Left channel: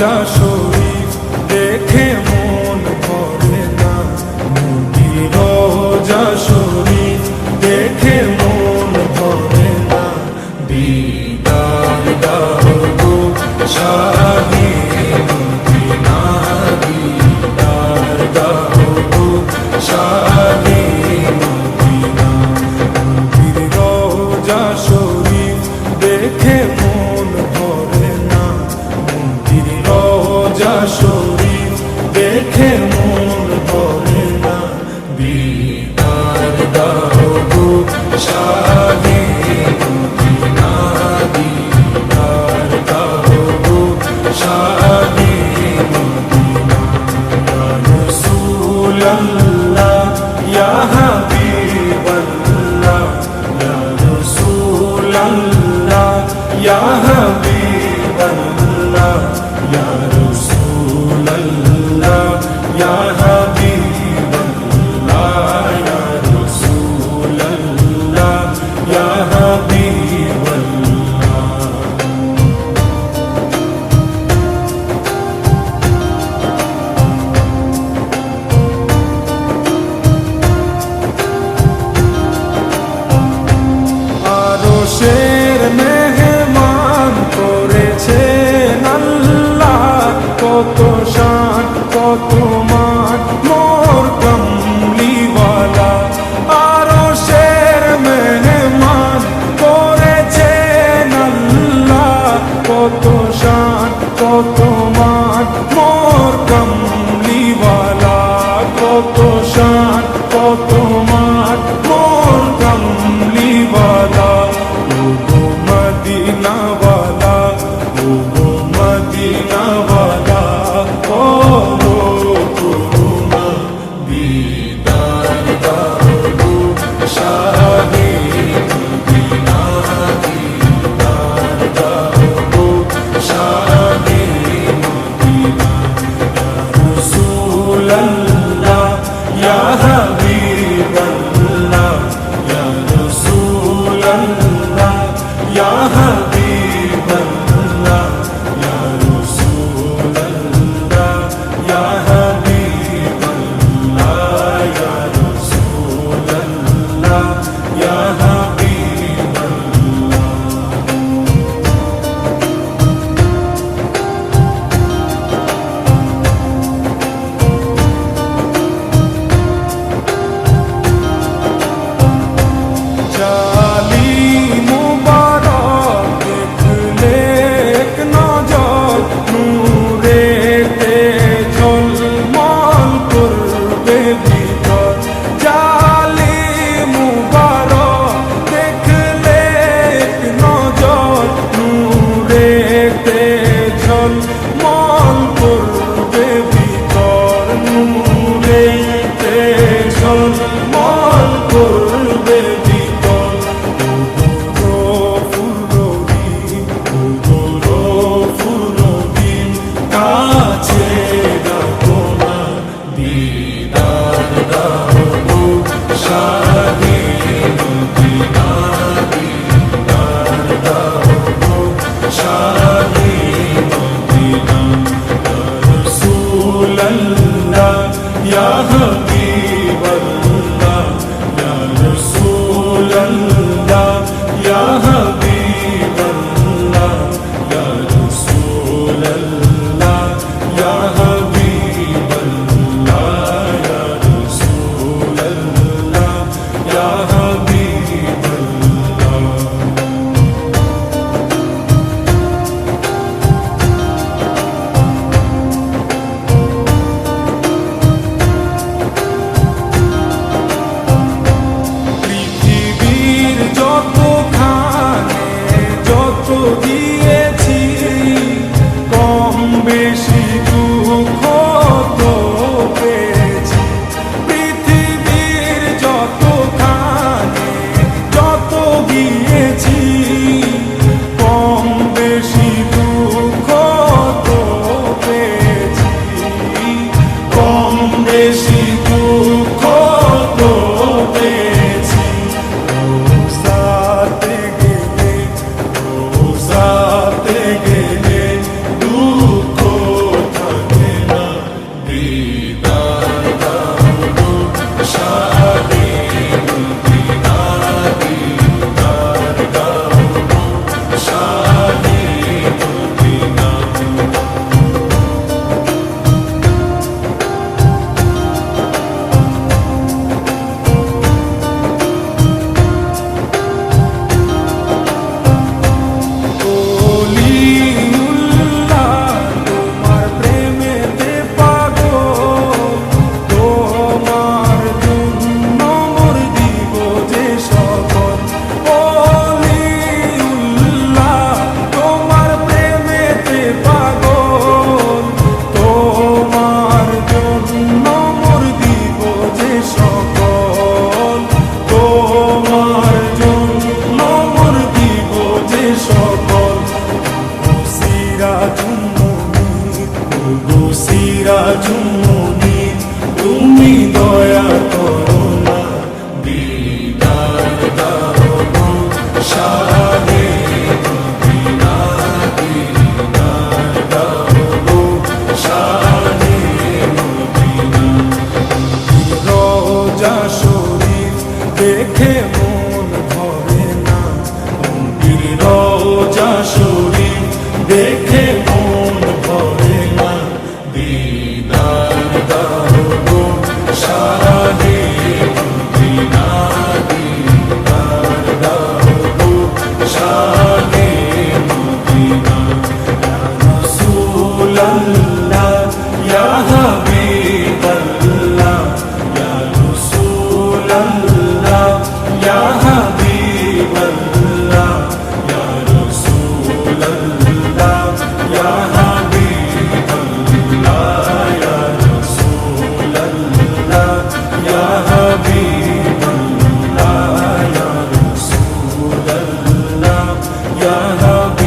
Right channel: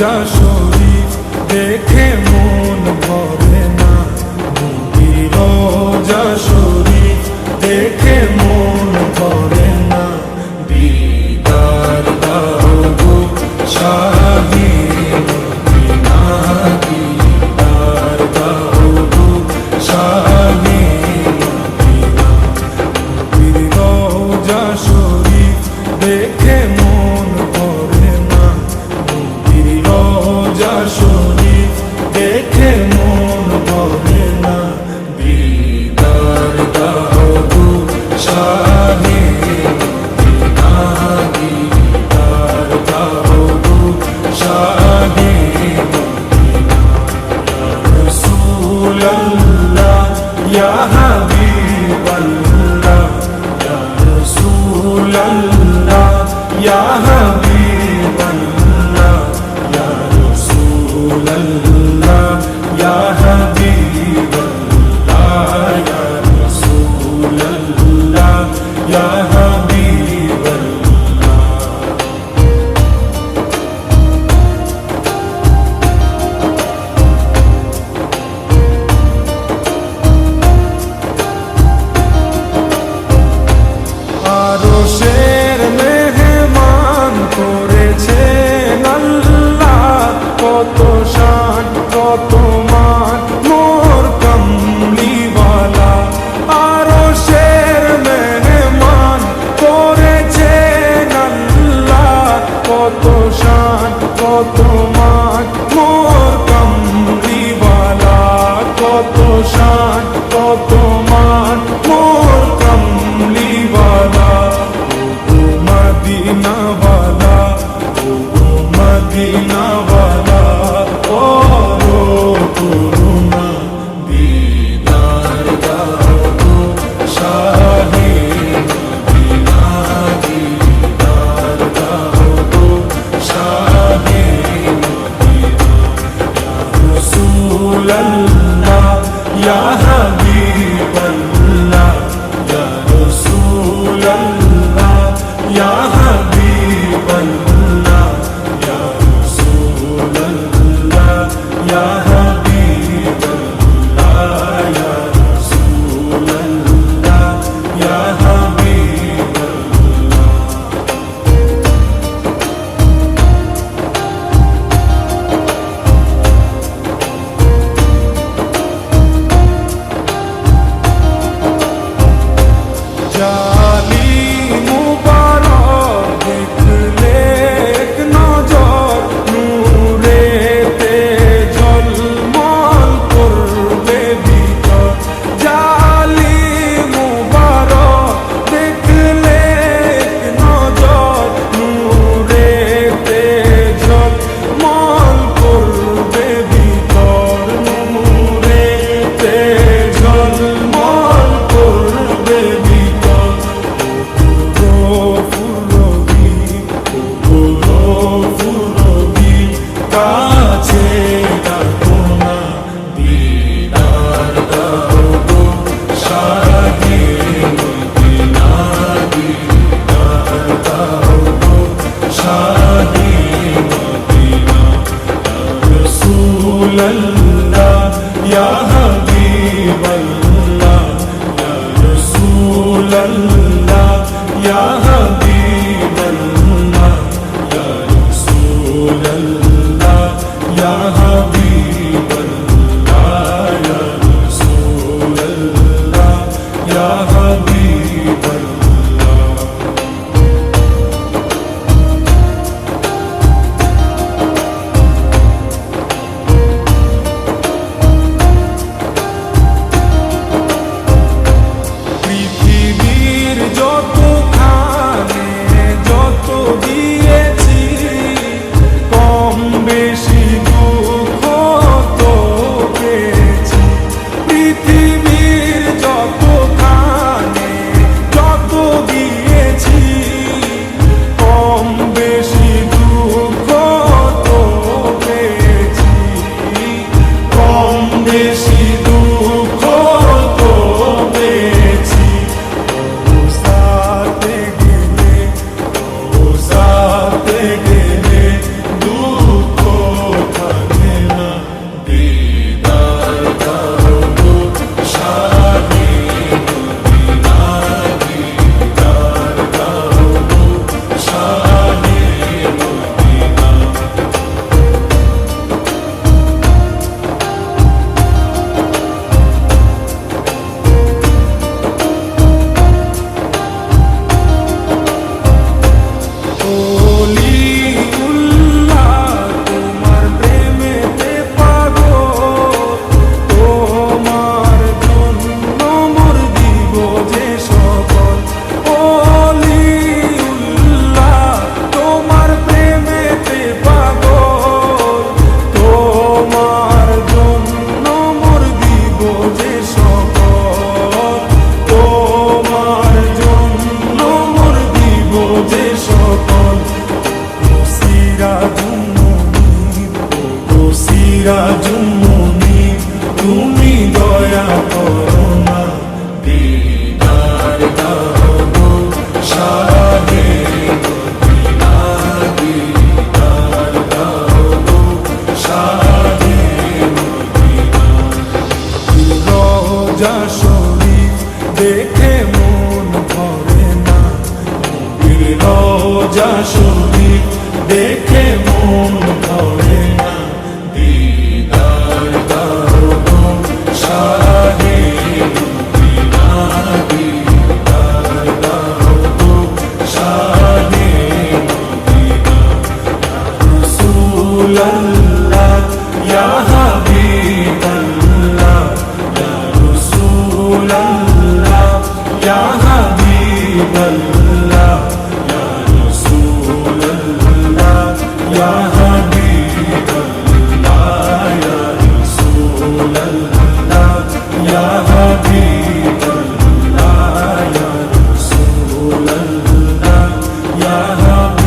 রোজা শরীফ দেখে মন ভরে না, নবীর রোজা শরীফ দেখে মন ভরে না। দিদার দাও গো শাহে মদিনা, দিদার দাও গো শাহে মদিনা। নবীর রোজা শরীফ দেখে মন ভরে না, নবীর রোজা শরীফ দেখে মন ভরে না। দিদার দাও গো শাহে মদিনা, দিদার দাও গো শাহে মদিনা। ইয়া রাসূলুল্লাহ ইয়া হাবিবাল্লাহ, ইয়া রাসূলুল্লাহ ইয়া হাবিবাল্লাহ, ইয়া রাসূলুল্লাহ ইয়া হাবিবাল্লাহ, ইয়া রাসূলুল্লাহ ইয়া হাবিবাল্লাহ। আরশের মেহমান করেছেন আল্লাহ, কত শান কত মান মোর কামলিওয়ালা। আরশের মেহমান করেছেন আল্লাহ, কত শান কত মান মোর কামলিওয়ালা, কত শান কত মান মোর কামলিওয়ালা। ও গো মদিনাওয়ালা, ও গো মদিনাওয়ালা, ও রো করুণা। দিদার দাও গো শাহে মদিনা, দিদার দাও গো শাহে মদিনা। ইয়া রাসূলুল্লাহ ইয়া হাবিবাল্লাহ, ইয়া রাসূলুল্লাহ ইয়া হাবিবাল্লাহ, ইয়া রাসূলুল্লাহ ইয়া হাবিবাল্লাহ, ইয়া রাসূলুল্লাহ ইয়া হাবিবাল্লাহ। জালি মুবারক দেখলে এক নজর, নূরেতে ঝলমল করবে ভিতর। জালি মুবারক দেখলে এক নজর, নূরেতে ঝলমল করবে ভিতর, নূরেতে ঝলমল করবে ভিতর। ও গো ফুরবি, ও গো ফুরবি, কাছে ডাকো না। দিদার দাও গো শাহে মদিনা, দিদার দাও গো শাহে মদিনা। ইয়া রাসূলুল্লাহ ইয়া হাবিবাল্লাহ, ইয়া রাসূলুল্লাহ ইয়া হাবিবাল্লাহ, ইয়া রাসূলুল্লাহ ইয়া হাবিবাল্লাহ, ইয়া রাসূলুল্লাহ ইয়া হাবিবাল্লাহ। পৃথিবীর যতখানে যত দিয়েছি, কম বেশি দুঃখ তো পেয়েছি। পৃথিবীর যতখানে যত দিয়েছি, কম বেশি দুঃখ তো পেয়েছি, কম বেশি দুঃখ তো পেয়েছি। রোজাতে গেলে রোজা শাহে মদিনা দিদার দাও গো শাহে মদিনা রওজা শরীফ দেখে মন ভরে না নবীর রওজা শরীফ দেখে মন ভরে না দিদার দাও গো শাহে মদিনা দিদার দাও গো শাহে মদিনা ইয়া রাসূলুল্লাহ ইয়া হাবিবাল্লাহ ইয়া রাসূলুল্লাহ ইয়া হাবিবাল্লাহ ইয়া রাসূলুল্লাহ ইয়া হাবিবাল্লাহ ইয়া রাসূলুল্লাহ ইয়া হাবিবাল্লাহ ইয়া রাসূলুল্লাহ ইয়া হাবিবাল্লাহ